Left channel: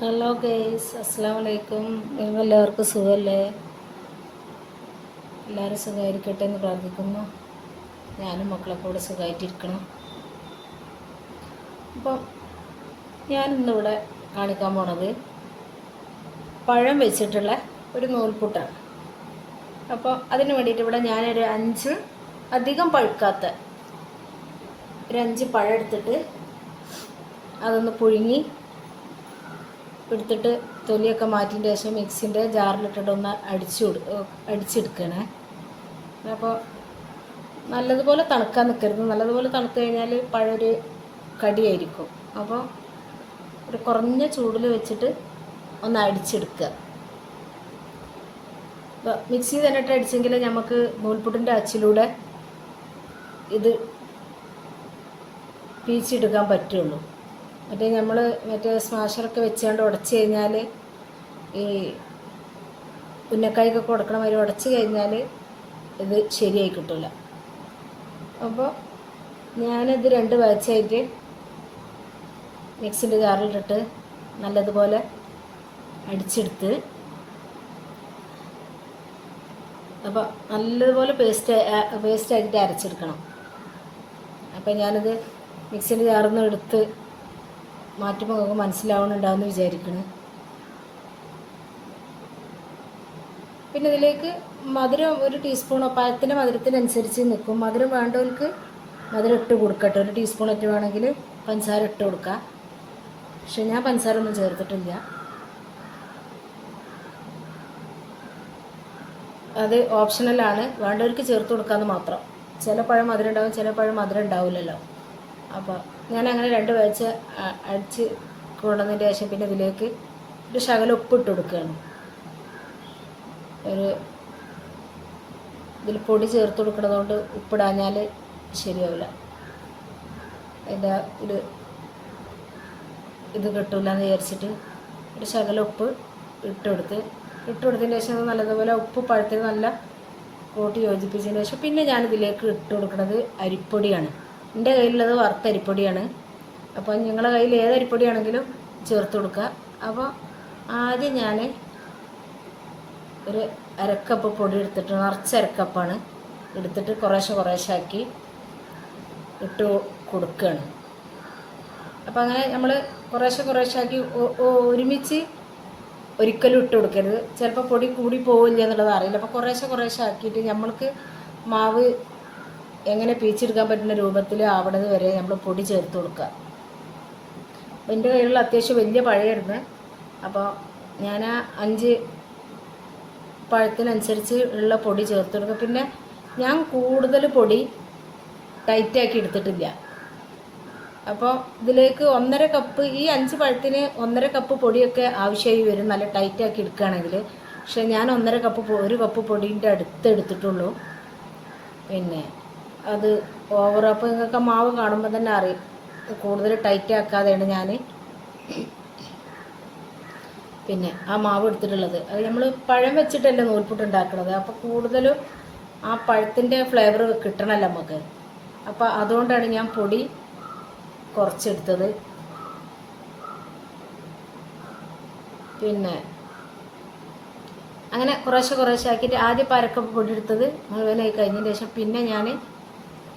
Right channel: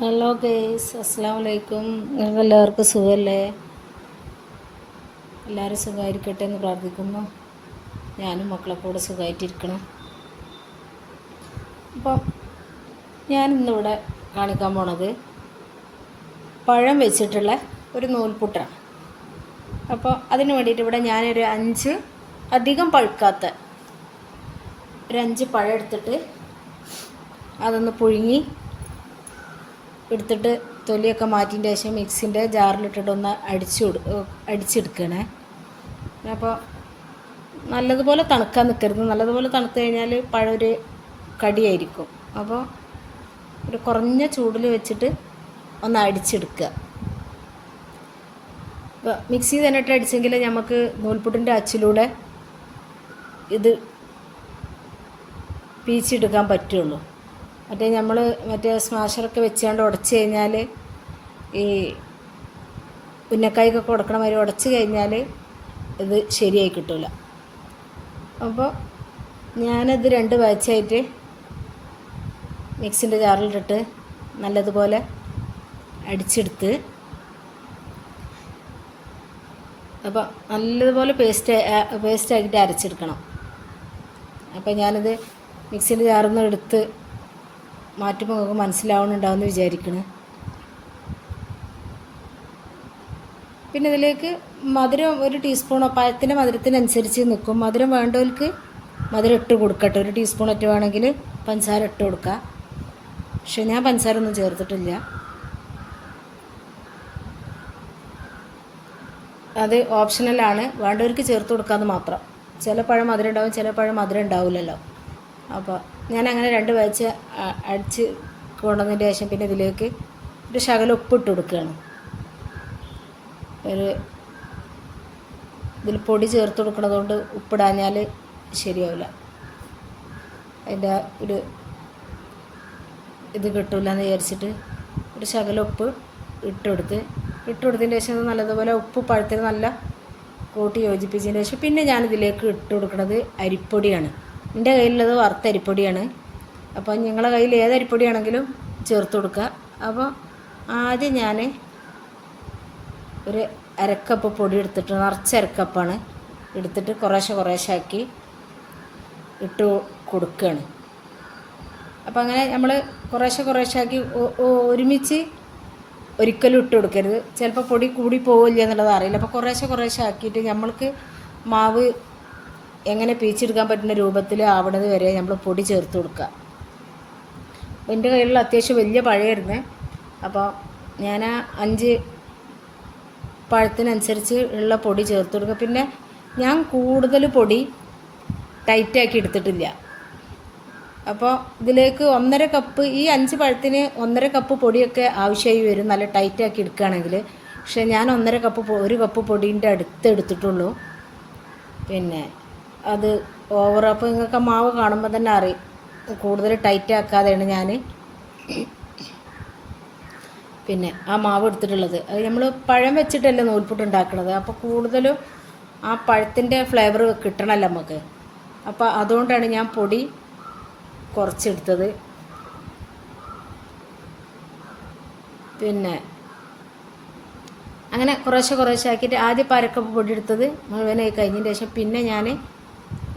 Hello guys അസ്സാം നിങ്ങൾക്ക് എല്ലാവർക്കും സുഖമല്ലേ? എല്ലാവരും സുഖമായിരിക്കട്ടെ എന്ന് പ്രാർത്ഥിക്കുന്നു. ഞാനും മക്കളെ കൂടെ സുഖമായിട്ടിരിക്കണം. അപ്പം ഞാനിന്നിവിടെ കാണിക്കാൻ പോണത് പഴം വെച്ചിട്ടുള്ള ഒരു നൂൽപുട്ടാണ്. അപ്പോൾ അതിന് വേണ്ടിയിട്ട് ഇവിടെ ഞാനൊരു അഞ്ച് അധികം പഴുക്കാത്ത ഒരു അഞ്ച് പഴം എടുത്തിട്ട് അതൊന്ന് പുഴുങ്ങി എടുത്തിട്ട് തൊലിയൊക്കെ മാറ്റിന്റെ ശേഷം മിക്സിന്റെ ജാറിലിട്ടിട്ട് ഒന്ന് അടിച്ചു അടിച്ചെടുക്കണേ. അപ്പോൾ നല്ലതുപോലെ തണുക്കാൻ നിൽക്കരുത് നല്ലതുപോലെ തണുത്ത് കഴിഞ്ഞാൽ പഴൊരു കടിയായിരിക്കും. അപ്പോൾ ഒരു കുറഞ്ഞ ചൂടിൽ വെച്ചിട്ട് ഒന്ന് അടിച്ചെടുക്കുക മിക്സി തന്നെ ഇട്ട് അടിച്ചെങ്കിൽ നമുക്ക് നൂൽപുട്ടിന്റെ അച്ചിലൂടെ ഇത് പീച്ചെടുക്കാൻ പറ്റുള്ളൂ. മറ്റേ നമ്മൾ മറ്റേ സ്മാഷറൊക്കെ വെച്ചുകൊണ്ട് ഉടച്ചു കഴിഞ്ഞാൽ ഈ ഉന്നക്കായ്ക്കൊക്കെ ഉടക്കണ മാതിരി ഉടച്ചു കഴിഞ്ഞാൽ ഇത് ശരിയായി കിട്ടില്ല അപ്പോൾ ഞാനത് രണ്ട് ബാച്ചായിട്ട് മിക്സിന്റെ ജാറിലിട്ടിട്ട് നല്ലതുപോലെ അടിച്ചെടുത്ത് അപ്പോൾ നല്ലതുപോലെ പേസ്റ്റ് പേസ്റ്റാക്കിയിട്ട് അരച്ചെടുക്കണം. അപ്പോൾ ഞാനത് മിക്സിന്റെ ജാറിൽ നിന്ന് എടുത്ത് മാറ്റുമ്പോൾ നമുക്ക് മനസ്സിലാവുന്നുണ്ടാവുമെന്ന് വിചാരിക്കണം. പിന്നെ ഇതിലേക്ക് മധുരം ഒരു ടീസ്പൂണോ പഴത്തിന്റെ മധുരത്തിനനുസരിച്ച് നിൽക്കും മധുരം വേണ്ടവർക്ക് മധുരം ഇട്ട് കൊടുക്കട്ടെ. ഒരു ടീസ്പൂൺ ഒറ്റ വേണമെങ്കിൽ പഞ്ചസാര ഇട്ട് കൊടുക്കുക പക്ഷെ ഞാൻ പഞ്ചസാര ഒന്നും ചേർത്തിട്ടില്ല. അത് ഓപ്ഷണലാണ് വേണ്ടവർക്ക് ചേർത്ത് കൊടുക്കാമെന്ന് മാത്രം. ചില പഴം മധുരം ഉണ്ടാവും ചില പഴം മധുരം ഉണ്ടാവില്ലല്ലോ. അപ്പോൾ ഞാൻ അങ്ങനെ രണ്ട് വാഴ്ച അടിച്ച് കൊണ്ടുവന്നതിന്റെ ശേഷം പിന്നെ ഇതിലേക്ക് ഒരു ശകലം ഉപ്പിട്ട് കൊടുക്കുകയാണ്. ഒരു ഇതിൽ പൊടി ചേർത്ത് കൊടുക്കണതുകൊണ്ട് ഉപ്പിടാഞ്ഞാൽ ശരിയാവില്ല. അതിന്റെ ഒരു ഇത് കിട്ടില്ല എന്ന് വിചാരിച്ചിട്ട് ഒരു ശകലം ഉപ്പ് ഇട്ടെടുത്ത് ഇട്ടുകൊടുത്തതിന് ശേഷം നല്ലതുപോലെ ഉപ്പ് പഴുത്തത് നല്ല കൂട്ടി യോജിപ്പിച്ചതിന് ശേഷം പിന്നെ ഞാനിതിലേക്ക് ഇട്ട് കൊടുക്കുന്നത് അരിപ്പൊടിയാണ്. എന്റെ കയ്യിലുള്ളത് വറുത്ത അരിപ്പൊടിയാണ്. അപ്പോൾ നിങ്ങളുടെ കയ്യിൽ ഏത് അരിപ്പൊടിയാണെങ്കിലും ചേർത്ത് കൊടുക്കുക. അപ്പോൾ ആദ്യം ഞാൻ ഒരു അരക്കപ്പ് പൊടി എടുത്തിട്ട് നിറച്ച് അരക്കപ്പാണ് എടുത്തിട്ട് കുറേശ്ശെ കുറേശ്ശെ ആക്കി ഇട്ട് കൊടുക്കുകയാണ്. അപ്പോൾ അങ്ങനെ നമ്മൾ കുറേശ്ശെ കുറേശ്ശെ ആക്കി ഒ- ഒ- ഒരുമിച്ച് ഒരിക്കലും ഇട്ട് കൊടുക്കരുത്. ചിലപ്പോൾ പൊടി കൂടി പോവില്ല എന്നുള്ളത് അറിയില്ല. അപ്പോൾ കുറേശ്ശെ കുറേശ്ശെ ആക്കിയിട്ട് നമ്മൾക്ക് മാവ് എങ്ങനെ പീച്ചെടുക്കാൻ പറ്റുന്ന രൂപത്തിൽ ആവണത് വരെ നമ്മൾ പൊടി ചേർത്ത് കൊടുക്കുക. എന്റെ കയ്യിലുള്ള അത്യാവശ്യം വലിയ പഴയായിരുന്നു. അപ്പോൾ ഞാൻ അഞ്ച് പഴത്തിനനുസരിച്ച് ഉള്ള പൊടി ചേർത്ത് കൊടുക്കുക പിന്നെ ഞാൻ കൂടുതൽ പൊടി ടൈറ്റാക്കി എടുത്തിട്ടില്ല. അപ്പോൾ ഇതിലേക്ക് ഒന്നര കപ്പ് ഈ അഞ്ച് പഴത്തിന് ഒന്നര കപ്പ് പൊടിയൊക്കെ ആവശ്യമായി വരും. നല്ല ടൈറ്റാക്കി എടുക്കുകയാണെങ്കിൽ. പക്ഷേ ഞാൻ ഒന്നര കപ്പ് ഒരു കപ്പ് പൊടീന്റെ അടുത്ത് എടുത്തിട്ടുള്ളൂ. പിന്നെ അത് ഓവർ അപ്പോൾ നിങ്ങൾക്ക് മാവ് കാണുമ്പോൾ തന്നെ അറിയും. കൂടുതൽ ടൈറ്റ് ആക്കാതെയാണ് ഞാൻ പിന്നെ ആ മാവ് എടുത്തിട്ടുള്ളത്. അത് നമ്മൾ പഴം വെച്ചിട്ടല്ലേ നൂൽപുട്ട് ഉണ്ടാക്കുന്നത് അപ്പോൾ കൂടുതലും ആ പഴത്തിന്റെ ഫ്ലേവർ കിട്ടണമല്ലോ നമുക്ക്. അപ്പോൾ അതുകൊണ്ടാണ് ഞാൻ പൊടി കുറച്ചെടുത്തത്. പിന്നെ അങ്ങനെ കുറേശ്ശെ കുറേശ്ശെ ആക്കിയിട്ട് ആദ്യം പരക്കപ്പ് പൊടി എടുത്തത് മുഴുവനായി കഴിഞ്ഞതിന് ശേഷം പിന്നെ ഞാൻ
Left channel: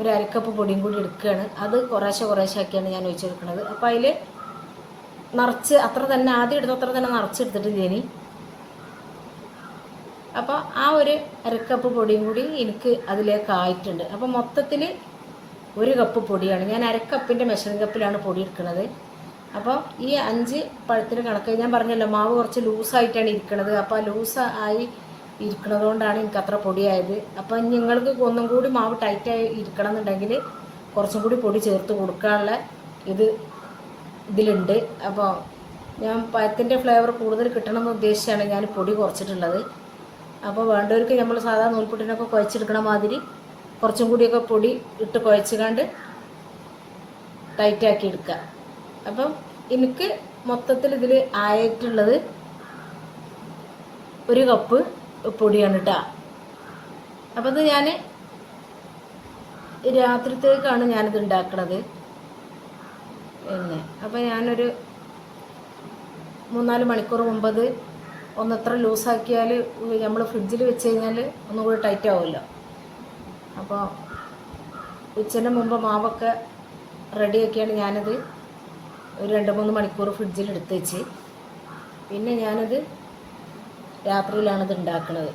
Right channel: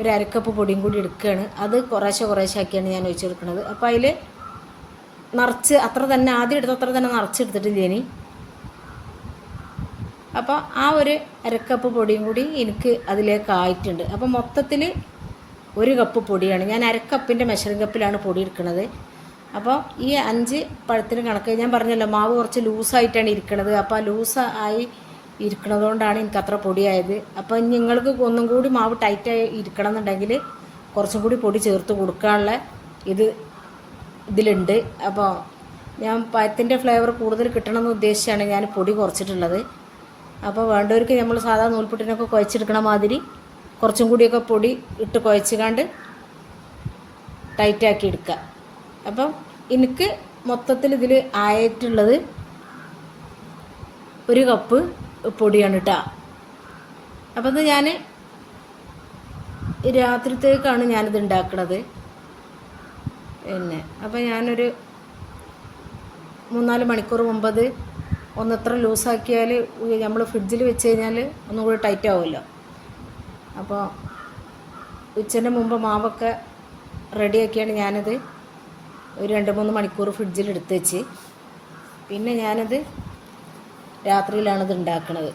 ഒരു അരക്കപ്പ് പൊടിയും കൂടി എടുക്കുകയാണ്. അത് കുറേശ്ശെ കുറേശ്ശെ ആക്കിയാണ് ഞാൻ ഒഴിച്ചെടുക്കുന്നത്. അപ്പോൾ അതിൽ നിറച്ച് അത്ര തന്നെ ആദ്യം എടുത്ത അത്ര തന്നെ നിറച്ചെടുത്തിട്ടില്ല ഇനി? അപ്പോൾ ആ ഒരു അരക്കപ്പ് പൊടിയും കൂടി എനിക്ക് അതിലേക്ക് ആയിട്ടുണ്ട്. അപ്പോൾ മൊത്തത്തിൽ ഒരു കപ്പ് പൊടിയാണ്. ഞാൻ അരക്കപ്പിന്റെ മെഷറിംഗ് കപ്പിലാണ് പൊടി എടുക്കുന്നത്. അപ്പോൾ ഈ അഞ്ച് പഴത്തിന് കണക്ക് ഞാൻ പറഞ്ഞല്ലോ മാവ് കുറച്ച് ലൂസായിട്ടാണ് ഇരിക്കുന്നത് അപ്പോൾ ആ ലൂസ് ആയി ഇരിക്കുന്നത് കൊണ്ടാണ് എനിക്ക് അത്ര പൊടിയായത് അപ്പോൾ നിങ്ങൾക്ക് ഒന്നും കൂടി മാവ് ടൈറ്റായി ഇരിക്കണം എന്നുണ്ടെങ്കിൽ കുറച്ചും കൂടി പൊടി ചേർത്ത് കൊടുക്കാനുള്ള ഇത് ഇതിലുണ്ട്. അപ്പോൾ ഞാൻ പഴത്തിന്റെ ഫ്ലേവർ കൂടുതൽ കിട്ടണമെന്ന് ഉദ്ദേശിച്ചാണ് ഞാൻ പൊടി കുറച്ചിട്ടുള്ളത്. അപ്പോൾ വേണ്ടവർക്ക് നമ്മൾ സാധാ നൂൽപുട്ടിനൊക്കെ കുഴച്ചെടുക്കണ മാതിരി കുറച്ചും കൂടിയൊക്കെ പൊടി ഇട്ട് കുഴച്ചുകാണ്ട് ടൈറ്റാക്കി എടുക്കുക. അപ്പം എനിക്ക് മൊത്തത്തിൽ ഇതിൽ ആയിട്ടുള്ളത് ഒരു കപ്പ് പൊടിയാണ് കേട്ടോ അപ്പം ഇത് ഞാൻ രാത്രിത്തേക്കാണ് ഞാനിത് ഉണ്ടാക്കുന്നത് പിന്നെ അപ്പോൾ ഞാനൊരു മൂന്നാൽ മണിക്കൂർ മുമ്പ് അത് ഒന്ന് എത്ര ലൂസാക്കിയാൽ നമ്മൾ ഫ്രിഡ്ജിൽ വെച്ച് കഴിഞ്ഞാൽ ഒന്നും കൂടി ടൈറ്റ് ആവുമല്ലോ അപ്പോൾ ഉച്ചന് മുമ്പ് മാവൊക്കെ റെഡിയാക്കിയാണ് ഞാനത് ഒരു രണ്ട് മൂന്ന് മണിക്കൂർ ഫ്രിഡ്ജിൽ എടുത്ത് വെച്ച്. പിന്നെ ഞാനത് രാത്രിയിലാണ് ഇത് ഉണ്ടാക്കുന്നത്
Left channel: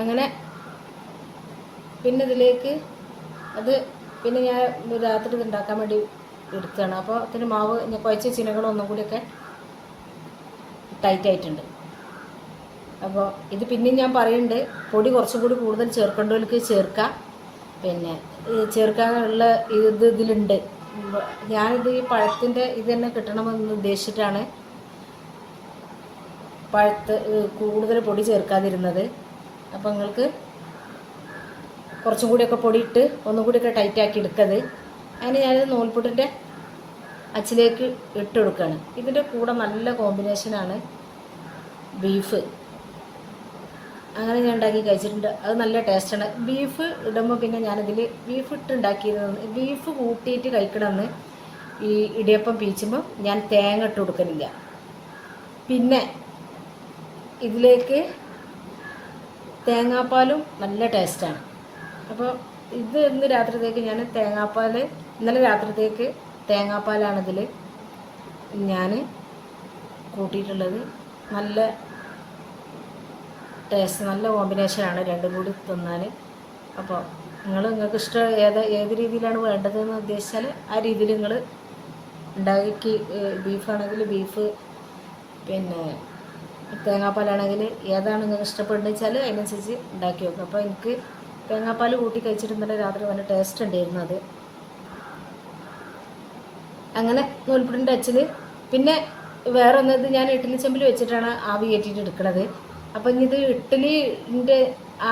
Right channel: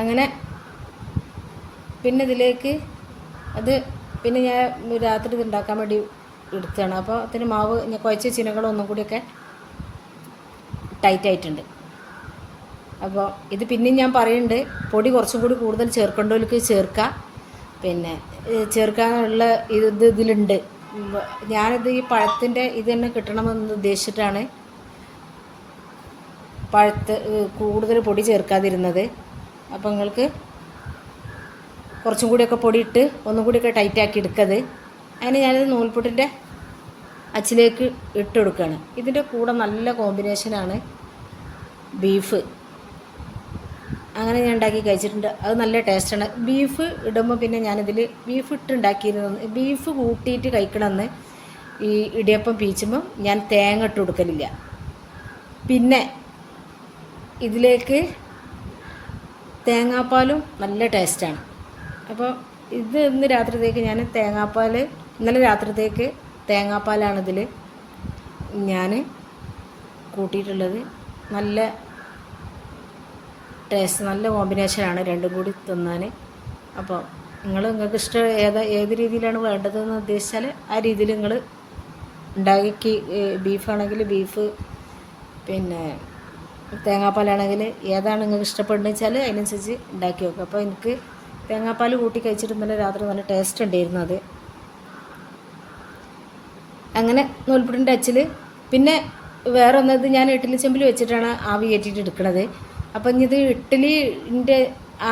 അങ്ങനെ പിന്നെ ഇതിലേക്ക് അത് പിന്നെ ഞാൻ രാത്രി ഇത് ഉണ്ടാക്കാൻ വേണ്ടി എടുത്തതാണ്. അപ്പോൾ അതിന് മാവ് ഞാൻ കുഴച്ച ചിനകളും ഒന്നും കൂടിയൊക്കെ ടൈറ്റ് ആയിട്ടുണ്ട്. അപ്പോൾ ഇത് പിന്നെയും ഞാൻ പറയുന്നുണ്ട് പൊടി കുറച്ചും കൂടി കൂടുതൽ ചേർക്കേണ്ടവർക്ക് ചേർക്കാം. പിന്നെ ചേർക്കാനുള്ള ഇത് ഇത് ഇതിലുണ്ട്. ഞാനിത് ഈ പഴത്തിന്റെ ഇത് തന്നെ കിട്ടണമെന്ന് ഉദ്ദേശിച്ചിട്ടാണ് പഴത്ത് കൂടുതൽ പൊടി ചേർക്കാതിരുന്നത്. അപ്പോൾ നിങ്ങൾക്ക് കുറച്ചും കൂടിയൊക്കെ പൊടിയിട്ട് ഒന്നും കൂടിയൊക്കെ ടൈറ്റാക്കി എടുക്കത്. അതിന് ഞാനിത് നൂൽപുട്ടിന്റെ അച്ചിലേക്ക് ഇട്ട് കൊടുക്കുകയാണ്. ഇതിന്റെ കൂടെ നല്ല കോമ്പിനേഷനാണ് ബീഫ് അങ്ങനെ ഞാൻ ഉണ്ടാക്കി കഴിച്ചിട്ടുണ്ട്. അത് നല്ല ടേസ്റ്റാണ് ബീഫ് ഇടുമ്പോൾ പിന്നെ ഞാനിതിൽ ബീഫ് ഇട്ടുണ്ടാക്കിയിരുന്നു. ബീഫ് കൂട്ടിയിട്ട് കഴിക്കണമെന്ന് ഈ ഇടിയപ്പം പീച്ചുമ്പോൾ ഞാൻ തേങ്ങ ഇട്ട് കൊടുക്കലില്ല. പിന്നെ ഇതിലേക്ക് തേങ്ങാപ്പാലും നല്ല ടേസ്റ്റാണ് അപ്പോൾ ഇത് ഇന്ന് രാത്രിത്തേക്ക് ഞാൻ തേങ്ങാപ്പാൽ ഇന്നലെ രാത്രിത്തേക്ക് തേങ്ങാപ്പാലാണിതിൽ ഞാൻ കൂട്ടിയിട്ടുള്ളത്. നല്ല ടേസ്റ്റ് നല്ല കോമ്പിനേഷനാണ് രണ്ടും കൂടി തിന്നാൻ അപ്പോൾ നിങ്ങൾ നിങ്ങൾക്ക് ഇഷ്ടം ഏത് ഏത് രീതിയിലാണ് വേണ്ടതെന്ന് ഉദ്ദേശിച്ചാൽ ആ രീതിയിൽ നിങ്ങൾ ഉണ്ടാക്കി ബീഫാണെങ്കിൽ ബീഫ് പിന്നെ തേങ്ങാപ്പാലാണെങ്കിൽ ഏതാണ് നിങ്ങൾക്ക് ഇഷ്ടപ്പെടുന്നത് വെച്ചാൽ അതിനനുസരിച്ച് ഉണ്ടാക്കി വെക്കും. അപ്പോൾ എനിക്ക് തേങ്ങാപ്പാൽ കൂട്ടി കഴിച്ചിട്ട് രാത്രി നല്ല ടേസ്റ്റ് ഉണ്ടായിരുന്നു അത്. അങ്ങനെ നൂൽപ്പുട്ടിന്റെ അച്ചിൽ പിന്നെ വേറെ ഒന്നത് ഞാൻ ഇഡ്ഡലി ചെമ്പിൽ വെച്ചിട്ടാണ് ആവി കയറ്റിയിട്ട് എടുക്കുന്നത് അപ്പം ഇത് ഇഡ്ഡലിന്റെ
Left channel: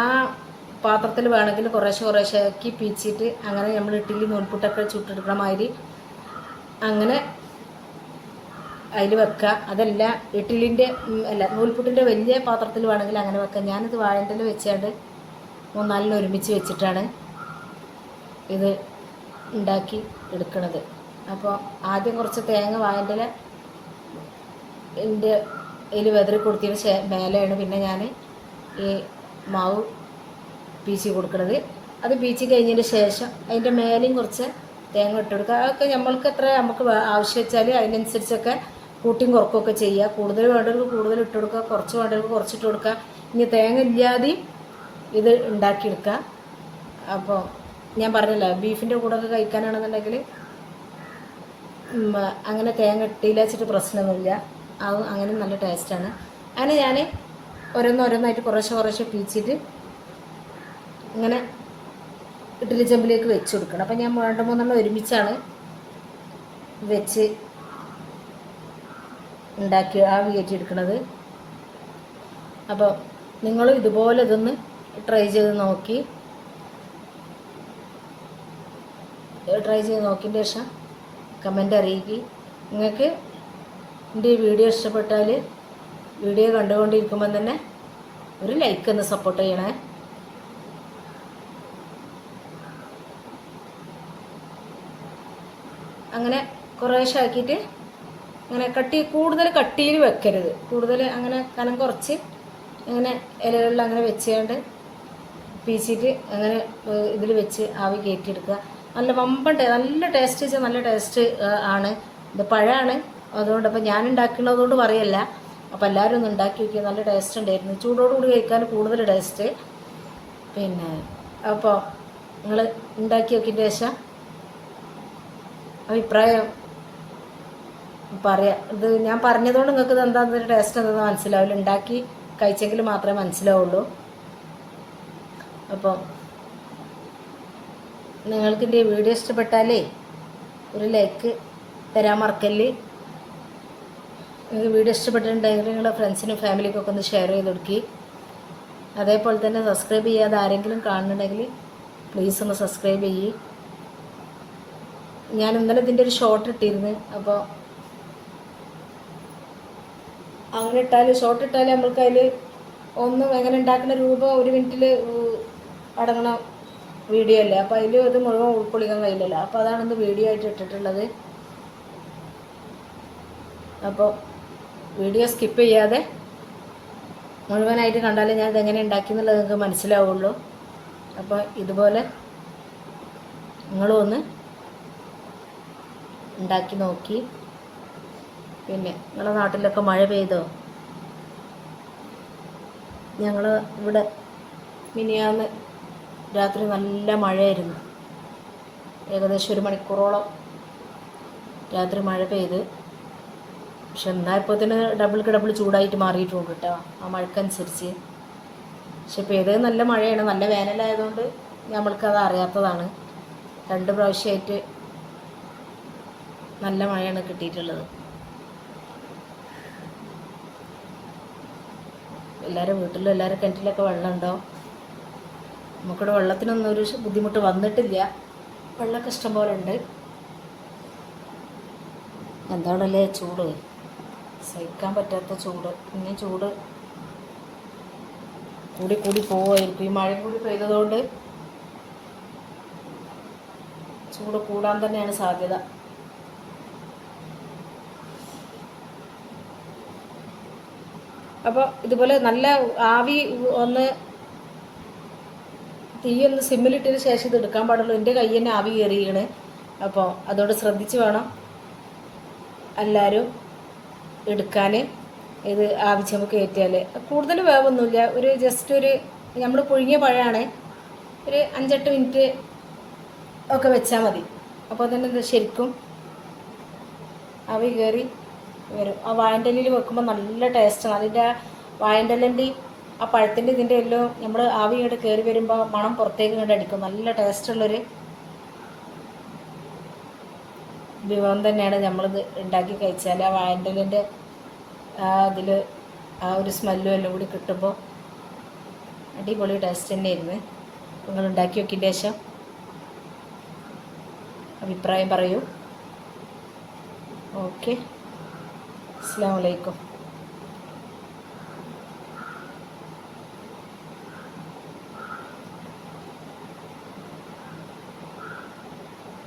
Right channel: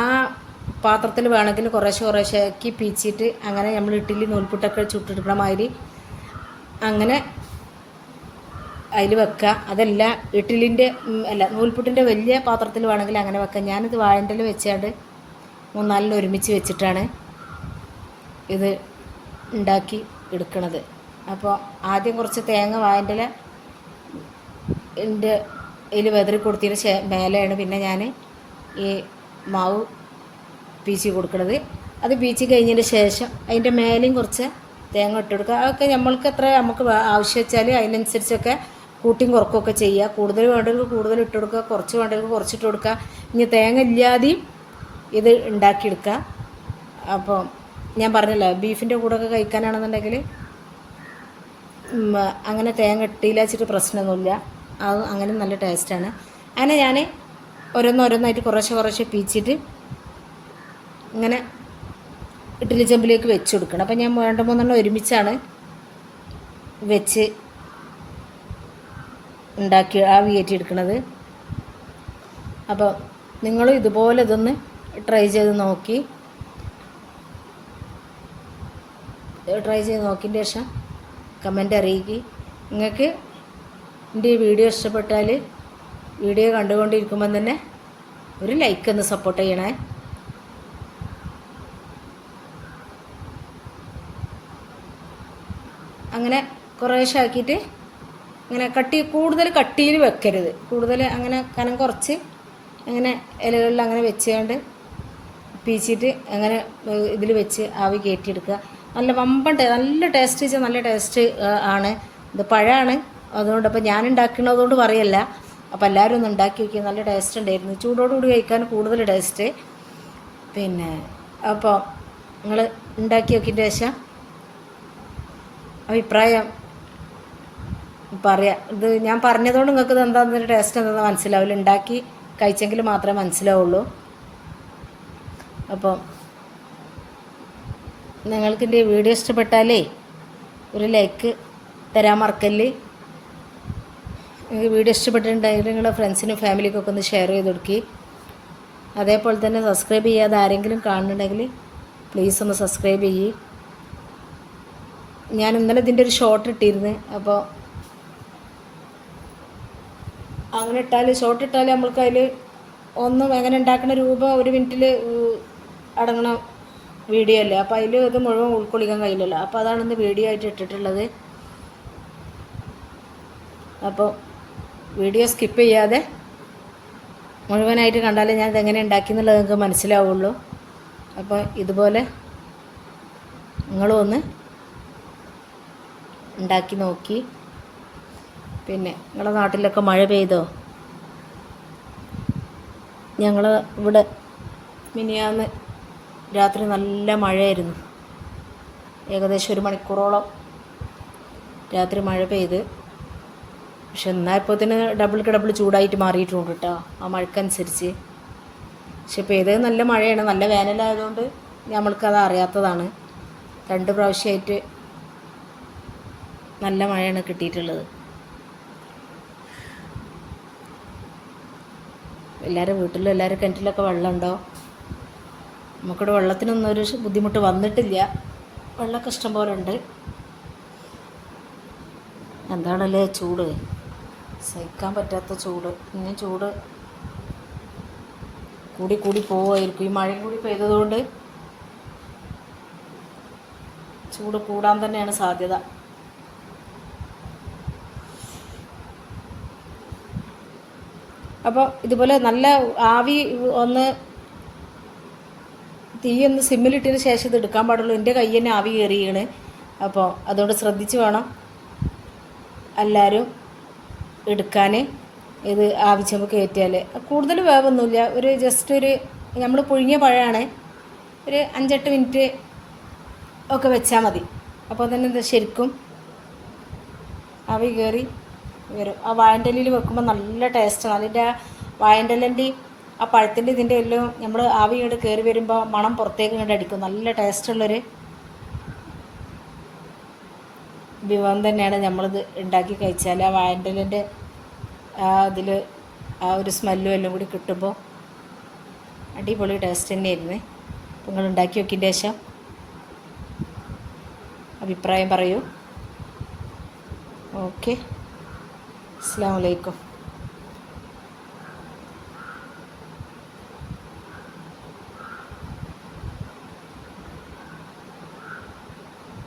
ആ പാത്രത്തിൽ വേണമെങ്കിൽ കുറേശ്ശെ കുറേശ്ശെ ആക്കി പീച്ചിട്ട് അങ്ങനെ നമ്മൾ ഇഡ്ഡലി നൂൽപുട്ടൊക്കെ ചുട്ടെടുക്കണ മാതിരി അങ്ങനെ അതിൽ വെക്കുക. അതല്ല ഇഡ്ഡലിന്റെ അല്ല നൂൽപുട്ടിന്റെ വലിയ പാത്രത്തിൽ വേണമെങ്കിൽ അങ്ങനെ വെക്കാം ഞാനിത് വാഴന്റെ വെച്ചാണ്ട് മൂന്നാലിന് ഒരുമിച്ച് വെച്ചിട്ടാണ് ഇത് ഉണ്ടാക്കി എടുക്കണത്. അപ്പോൾ ആദ്യം കുറച്ച് തേങ്ങ വാഴന്റെ എന്റെ ഇതിൽ വെതറി കൊടുത്തതിന് മേലെയാണ് പിന്നെ ഞാൻ ഈ മാവ് പീച്ചി കൊടുക്കുന്നത് അത് പീച്ചി കഴിഞ്ഞതിന് ശേഷം അതിന്റെ മേലെയും കുറച്ച് തേങ്ങ ഇട്ട് കൊടുക്കുക. അതൊക്കെ നമ്മൾക്ക് എത്ര നമുക്ക് ആവശ്യം വെച്ചാൽ അതിനനുസരിച്ചൊക്കെ കൂട്ടിയും കുറക്കുകയൊക്കെ ചെയ്യുക കൂടുതൽ വേണ്ടവർക്ക് കൂടുതൽ ഇട്ട് കൊടുക്കുക കുറച്ച് വേണ്ടവർക്ക് കുറച്ചിട്ട് കൊടുക്കുക. ഇനി തേങ്ങ ഇല്ലാതെയും ഇത് ഉണ്ടാക്കിയെടുക്കുക. അപ്പോൾ ഞാൻ പറഞ്ഞല്ലോ ബീഫിന്റെ കൂടെ ഒക്കെ കഴിക്കാനാണെന്നുണ്ടെങ്കിൽ അങ്ങനെ തേങ്ങ ഇട്ടില്ല വെച്ചിട്ട് പ്രശ്നമൊന്നുമില്ല. അത് അങ്ങനെ നല്ല ടേസ്റ്റാണ് അങ്ങനെ ഞാൻ ഓരോന്നോരോന്നായിട്ട് കുറേശ്ശെ കുറേശ്ശെ പീച്ചിട്ട് ഇങ്ങനെ ഇഡ്ഡലി ചെമ്പിലേക്ക് വെച്ച് കൊടുക്കണം. അപ്പം ഞാൻ രണ്ട് മൂന്നെണ്ണം ഒരുമിച്ചാണ് വെച്ച് ഉണ്ടാക്കി ആവി എടുക്കുന്നത് അപ്പോൾ നിങ്ങളും ഇതുപോലെ ഇതൊന്ന് ട്രൈ ചെയ്ത് നോക്കി. ട്രൈ ചെയ്ത് നോക്കിയതിന്റെ ശേഷം കമന്റ് അറിയിക്കുക നിങ്ങൾക്ക് എന്റെ ഈ വീഡിയോ ഇഷ്ടപ്പെട്ടാൽ വീഡിയോ കണ്ടുകൊണ്ടിരിക്കുമ്പം തന്നെ ഒരു ലൈക്ക് ഒന്ന് സപ്പോർട്ട് ചെയ്യണേ. അങ്ങനെ കുറേശ്ശെ ആക്കിയിട്ട് ഇങ്ങനെ കട്ടി കൂടുതൽ കട്ടിയിൽ വെക്കരുത്. കൂടുതൽ അങ്ങനെ കനം കുറച്ച് അങ്ങനെ ഇലകളിൽ അങ്ങനെ വെച്ചുകൊണ്ട് പീച്ചിട്ട് അങ്ങനെ ഇതിൽ വെച്ച് ആവി കയറ്റിയെടുക്കുക നല്ല വമ്പൻ നല്ല ടേസ്റ്റ് വെച്ചാൽ നല്ല ടേസ്റ്റ് ആണ്. ഇത് പഴമാണ് അതുകൊണ്ട് അപ്പോൾ ഞാൻ ഉണ്ടാക്കുന്നതുകൊണ്ട് പറയല്ല. അപ്പോൾ എല്ലാവരും ഒന്ന് ഉണ്ടാക്കി വയ്ക്കുക നല്ല ടേസ്റ്റ് ഉണ്ടായിരുന്നു. ചൂടോടുകൂടി കഴിക്കാൻ കൂടുതൽ ടേസ്റ്റ് പിന്നെ അപ്പോൾ നിങ്ങൾ ഉണ്ടാക്കി നോക്കിയിട്ട് ശേഷം. അഭിപ്രായം പറയാം. ഇത് ഞാൻ പറഞ്ഞതുകൊണ്ട് നിങ്ങൾക്ക് ഇത് എന്താണെന്ന് ടേസ്റ്റ് എന്താണെന്ന് മനസ്സിലാവില്ല. ഉണ്ടാക്കി കഴിച്ചെങ്കിൽ മാത്രമേ മനസ്സിലാവുള്ളൂ. അപ്പോൾ നിങ്ങൾക്ക് എന്റെ വീഡിയോ ഇഷ്ടപ്പെട്ടാലേ ഒരു ലൈക്ക് തരാൻ മറക്കല്ലേ? വീഡിയോ ഇഷ്ടപ്പെട്ടിട്ടുണ്ടെങ്കിൽ നിങ്ങളുടെ ഫ്രണ്ട്സിനും ഫാമിലിക്കൊക്കെ ഒന്ന് ഷെയർ ചെയ്ത് കൊടുക്കി. അതേപോലെ തന്നെ സബ്സ്ക്രൈബ് ചെയ്യാതെ ആരെങ്കിലും കാണുന്നുണ്ടെങ്കിൽ പ്ലീസ് ഒന്ന് സബ്സ്ക്രൈബ് ചെയ്യ്. ഞാൻ ഇന്നലെ ഇതിന്റെ ഒരു ഷോർട്ട് ഇട്ടിരുന്നു അപ്പോൾ അങ്ങനെ ഇട്ടാൽ ഷോർട്ട് ഇട്ടാൽ നമ്മൾക്ക് അതിൽ ഒന്നും എങ്ങനെ ഉണ്ടാക്കുന്ന രൂപ ഒരു മിനിറ്റിൽ അടങ്ങണ വീഡിയോ അല്ലേ? അപ്പോൾ അതിൽ അത് മുഴുവൻ ഉൾക്കൊള്ളിക്കാൻ കഴിയില്ലല്ലോ. അപ്പോൾ അതാണ് ഇന്ന് വീഡിയോ ആയിട്ട് ഇട്ടിട്ടുള്ളത്. അപ്പോൾ വീഡിയോ സ്കിപ്പ് ചെയ്യാതെ മുഴുവനായിട്ട് കണ്ടാലേ ഞാൻ ഇതെങ്ങനെ ഉണ്ടാക്കി എന്നുള്ളത് നിങ്ങൾക്ക് മനസ്സിലാവുള്ളൂ. അപ്പോൾ ഇതുപോലെ നിങ്ങളും ഒന്ന് ഉണ്ടാക്കി നോക്കി. പിന്നെ നിങ്ങളുടെ നാട്ടിലൊക്കെ മഴ പെയ്തോ? ഞങ്ങൾ ഇവിടെ മിനിയാന്ന് രാത്രി നല്ല മഴയായിരുന്നു. ഏകദേശം ഒരു മണിക്കൂറോളം രാത്രി മഴ പെയ്ത്. പക്ഷെ എന്നാൽ ഇപ്പോൾ തന്നെ ഡബിൾക്ക് ഡബിൾ ചൂടായിട്ട് മാറിയിട്ടുണ്ട് കേട്ടോ ആ മഴക്കനുസരിച്ച്. പക്ഷെ ഇപ്പോൾ ഏത് നല്ല മഴയാണ് നല്ല വേനലായതുകൊണ്ട് നമ്മൾക്കത് അറിയാത്തതാണ്. രണ്ട് പ്രാവശ്യമായിട്ട് നല്ല മഴയാണ് കിട്ടിയിട്ടുള്ളത്. എല്ലാവരും വീട്ടിലും എല്ലാവരും കിണറ്റിലൊക്കെ വെള്ളമുണ്ടോ നമുക്കിവിടെ വെള്ളത്തിനൊന്നും ഒരു ബുദ്ധിമുട്ട് വന്നിട്ടില്ല. വെള്ളമൊക്കെ ഇഷ്ടം പോലെ ഉണ്ട്. എന്താണല്ലേ ചൂട്? സഹിക്കാൻ പറ്റാത്ത ചൂട്. ഇനി ചൂട് കൂടി കൂടി പോവായിരിക്കും ഈ മഴയും കൂടി പെയ്തതുകൊണ്ട് ചൂട് കൂടാൻ തന്നെയാണ് സാധ്യത. അപ്പോൾ ഇതുപോലെ നല്ല ആവി ഒന്ന് തീ ഒന്ന് സിമ്മിലിട്ടതിന് ശേഷം ഇത് എടുക്കാൻ പാടുള്ളൂ. എന്റെ കൈ തന്നെ ആവി കയറിയാണ് അപ്പോൾ അതുകൊണ്ട് ശ്രദ്ധിച്ച് വേണം എല്ലാവരും എടുക്കാൻ ഇത് ആവശ്യം കയറ്റിയാൽ. കൂടുതൽ വേവൊന്നുമില്ല. ഒരു ജസ്റ്റ് ഒരു നമ്മൾ പുഴുങ്ങിയ പഴമാണ്. ഒരു അഞ്ചെട്ട് മിനിറ്റ് ഒക്കെ വെച്ചാൽ മതി. അപ്പോൾ തന്നെ ശരിക്കും ആവി കയറി വരും. ആ വാഴന്റെലിൽ വെക്കുമ്പോൾ നല്ല ടേസ്റ്റാണ് അതിന്റെ ആ വാഴന്റെലിന്റെയും ആ പഴത്തിന്റെ ഇതിന്റെ എല്ലാം നമ്മൾ ആവി ഇങ്ങോട്ട് കയറി വരുമ്പോൾ മണം പുറത്തേക്ക് ഇങ്ങോട്ട് അടിക്കും. നല്ല ടേസ്റ്റുള്ളൊരു വിഭവം തന്നെയാണ് നമ്മളിത് ഉണ്ടാക്കി കഴിച്ചാൽ ആ വാഴന്റെലിന്റെ ആ അതിൽ ആ ഒരു സ്മെല്ലും എല്ലാം കൂടി കിട്ടുമ്പോൾ അടിപൊളി ടേസ്റ്റ് തന്നെയായിരുന്നു. നിങ്ങൾ ഉണ്ടാക്കി നോക്കിയതിന്റെ ശേഷം അഭിപ്രായം പറയൂ. ഓക്കെ അസ്സാം വലൈക്കും